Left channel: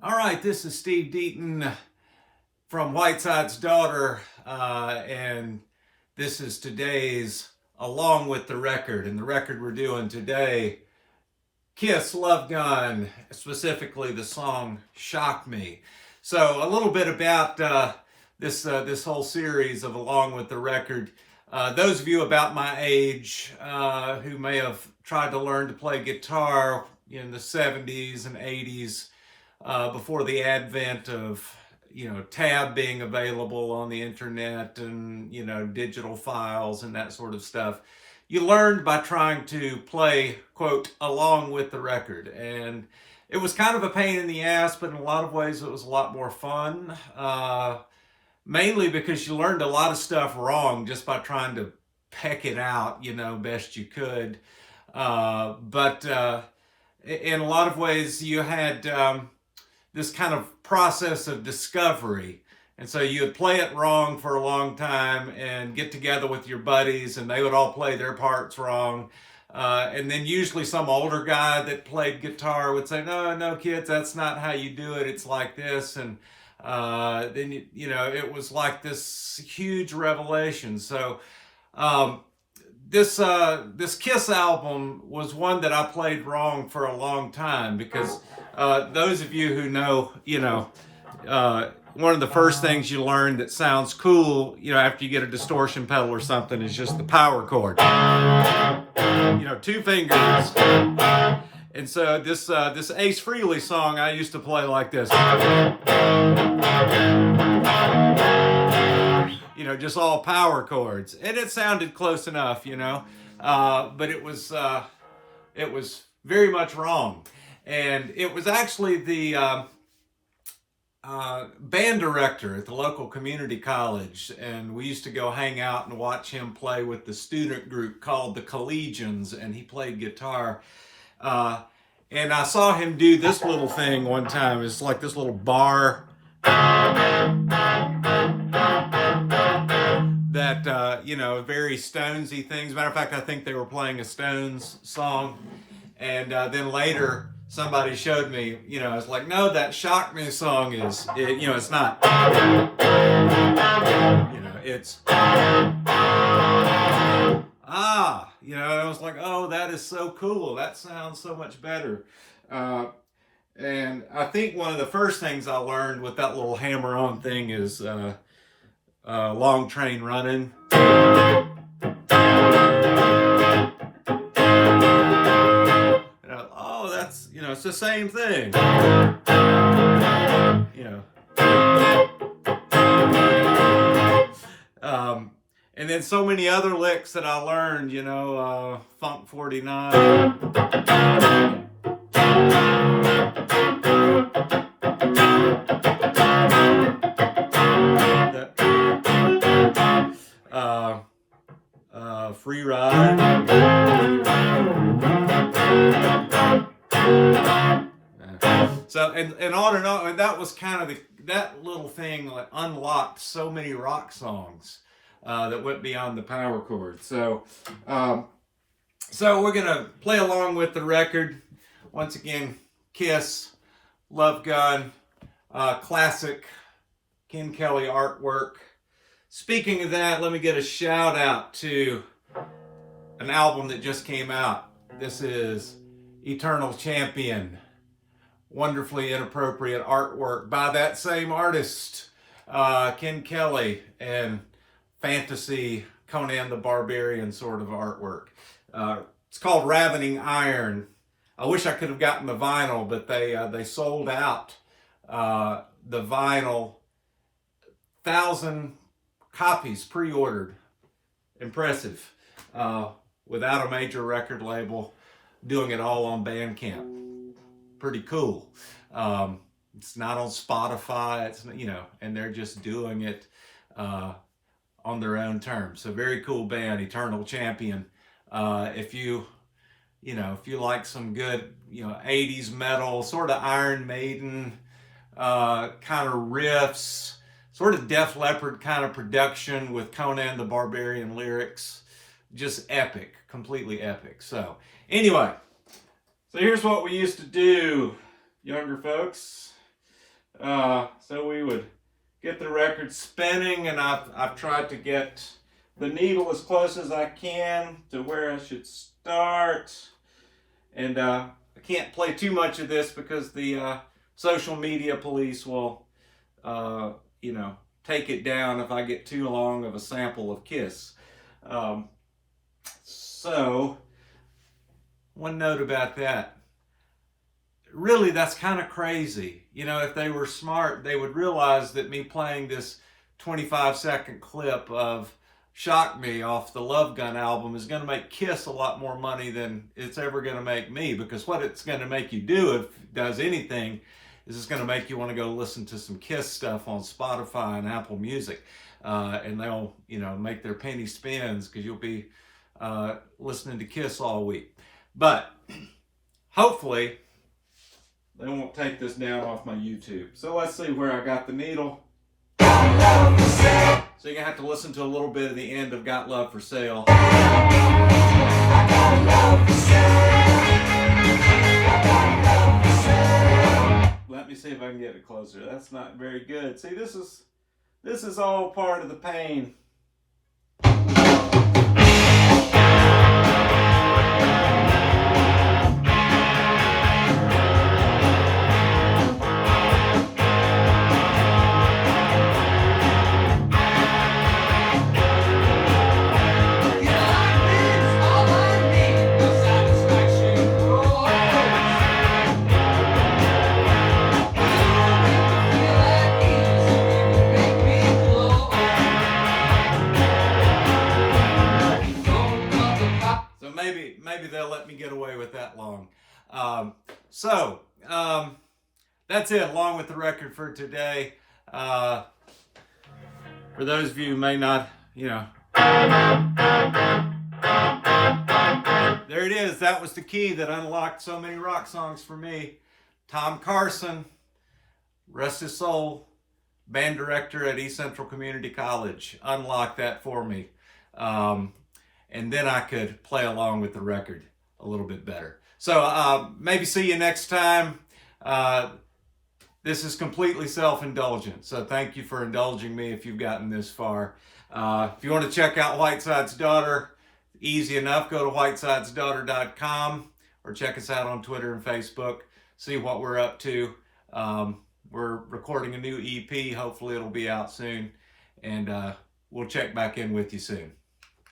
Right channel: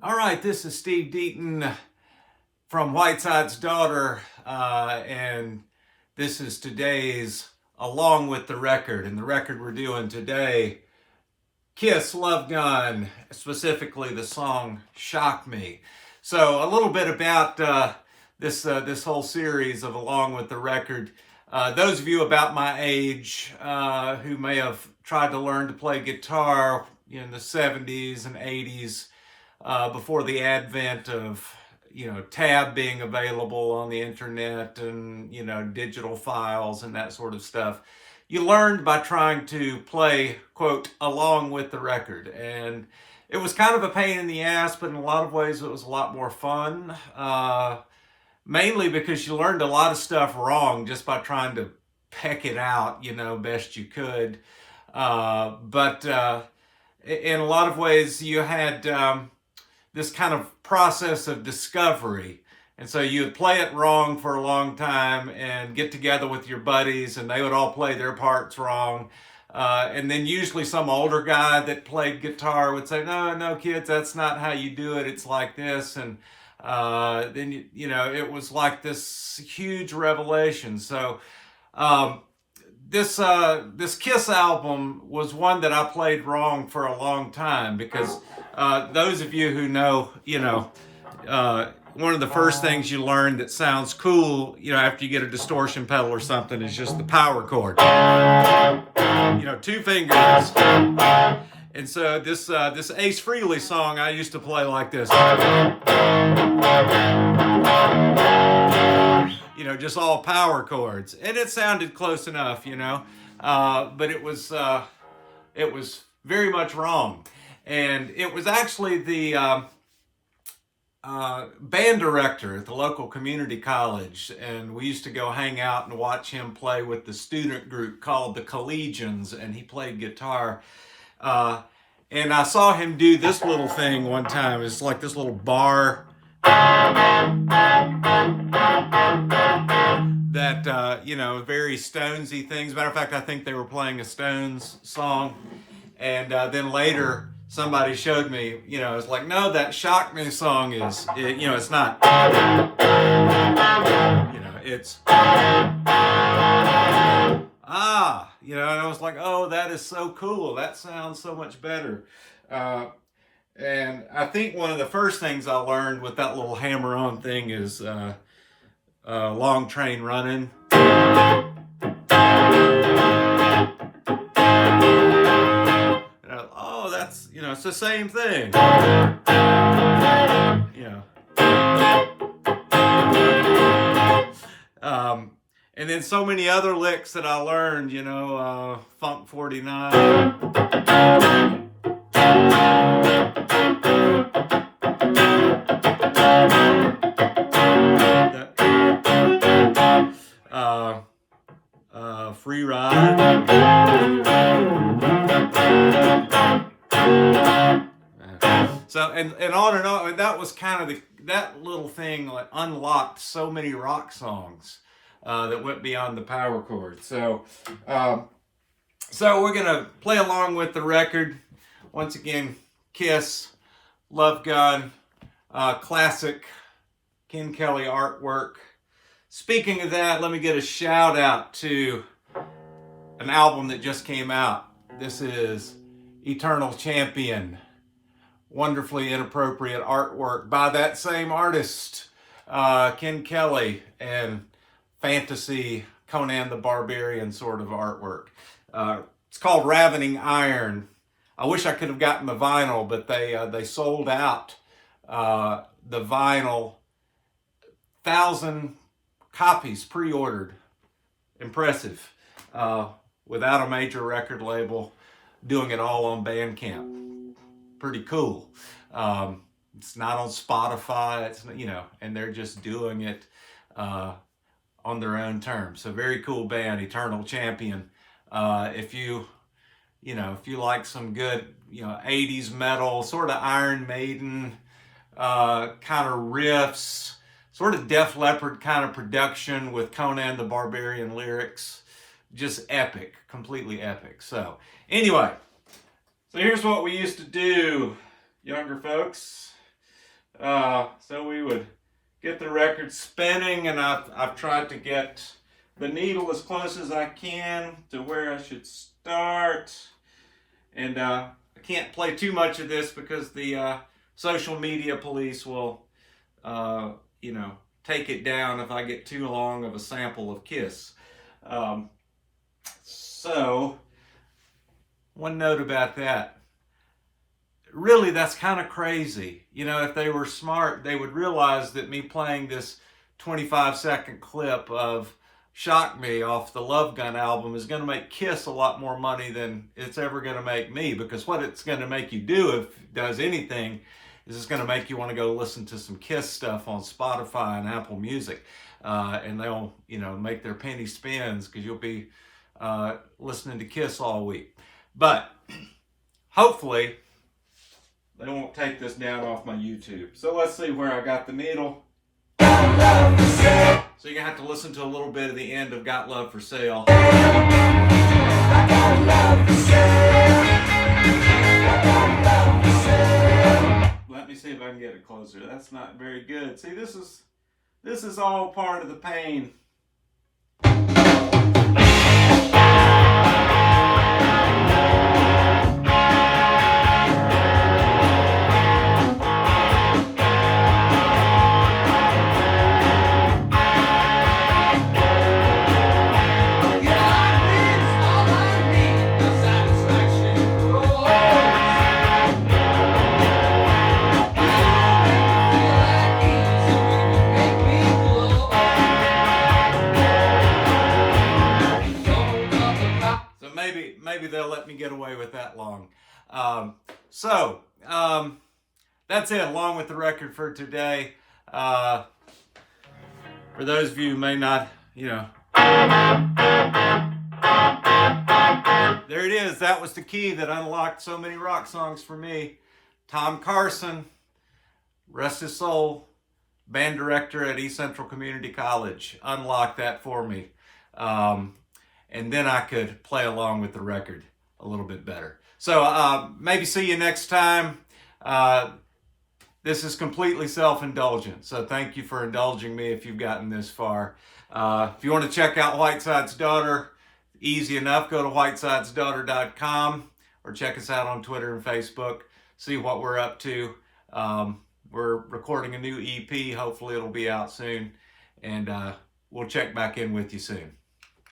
All right, this is Steve Deaton from Whiteside's Daughter, and this is today's Along with the Record. And the record we're doing today, Kiss Love Gun, specifically the song Shock Me. So a little bit about this whole series of Along with the Record. Those of you about my age who may have tried to learn to play guitar in the 70s and 80s, before the advent of tab being available on the internet and digital files and that sort of stuff, you learned by trying to play, quote, along with the record. And it was kind of a pain in the ass, but in a lot of ways it was a lot more fun, mainly because you learned a lot of stuff wrong just by trying to peck it out best you could. But in a lot of ways you had this kind of process of discovery. And so you would play it wrong for a long time and get together with your buddies and they would all play their parts wrong. And then usually some older guy that played guitar would say, no, kids, that's not how you do it. It's like this. And then, it was like this huge revelation. So this Kiss album was one that I played wrong for a long time because those of you who know, one of the first things you learn that sounds cool, after you get a distortion pedal or something is just the power chord. Two fingers. And so this Ace Frehley song I used to play like this. Just all power chords. And it sounded close enough, but it was very much wrong. And it was actually the band director at the local community college, and we used to go hang out and watch him play with the student group called the Collegians, and he played guitar. And I saw him do this little thing one time. It's like this little bar that, very Stonesy things. Matter of fact, I think they were playing a Stones song. And then later, somebody showed me, it's like, no, that Shock Me song it's not. It's, and I was like, oh, that is so cool. That sounds so much better. And I think one of the first things I learned with that little hammer-on thing is Long Train Running. That's, it's the same thing. And then so many other licks that I learned, Funk 49. Free Ride. So and on and on, and that was kind of that little thing that unlocked so many rock songs that went beyond the power chord. So we're gonna play along with the record once again. Kiss, Love Gun, classic Ken Kelly artwork. Speaking of that, let me get a shout out to an album that just came out. This is Eternal Champion. Wonderfully inappropriate artwork by that same artist, Ken Kelly, and fantasy Conan the Barbarian sort of artwork. It's called Ravening Iron. I wish I could have gotten the vinyl, but they sold out the vinyl. 1,000 copies pre-ordered. Impressive. Without a major record label, doing it all on Bandcamp. Pretty cool. It's not on Spotify. It's and they're just doing it on their own terms. So very cool band, Eternal Champion. If you like some good 80s metal, sort of Iron Maiden kind of riffs, sort of Def Leppard kind of production with Conan the Barbarian lyrics, just epic, completely epic. So anyway. So here's what we used to do, younger folks. So we would get the record spinning, and I've tried to get the needle as close as I can to where I should start. And I can't play too much of this because the social media police will, take it down if I get too long of a sample of Kiss. So, one note about that. Really, that's kind of crazy. If they were smart, they would realize that me playing this 25-second clip of Shock Me off the Love Gun album is going to make Kiss a lot more money than it's ever going to make me, because what it's going to make you do, if it does anything, is it's going to make you want to go listen to some Kiss stuff on Spotify and Apple Music, and they'll make their penny spins because you'll be listening to Kiss all week. But hopefully they won't take this down off my YouTube. So let's see where I got the needle. So you're going to have to listen to a little bit of the end of Got Love for Sale. Let me see if I can get it closer. That's not very good. See, this is all part of the pain. Maybe they'll let me get away with that long. That's it, along with the record for today. For those of you who may not, there it is. That was the key that unlocked so many rock songs for me. Tom Carson, rest his soul, band director at East Central Community College, unlocked that for me. And then I could play along with the record a little bit better. So maybe see you next time. This is completely self-indulgent, so thank you for indulging me if you've gotten this far. If you want to check out Whiteside's Daughter, easy enough, go to whitesidesdaughter.com or check us out on Twitter and Facebook, see what we're up to. We're recording a new EP. Hopefully it'll be out soon, and we'll check back in with you soon.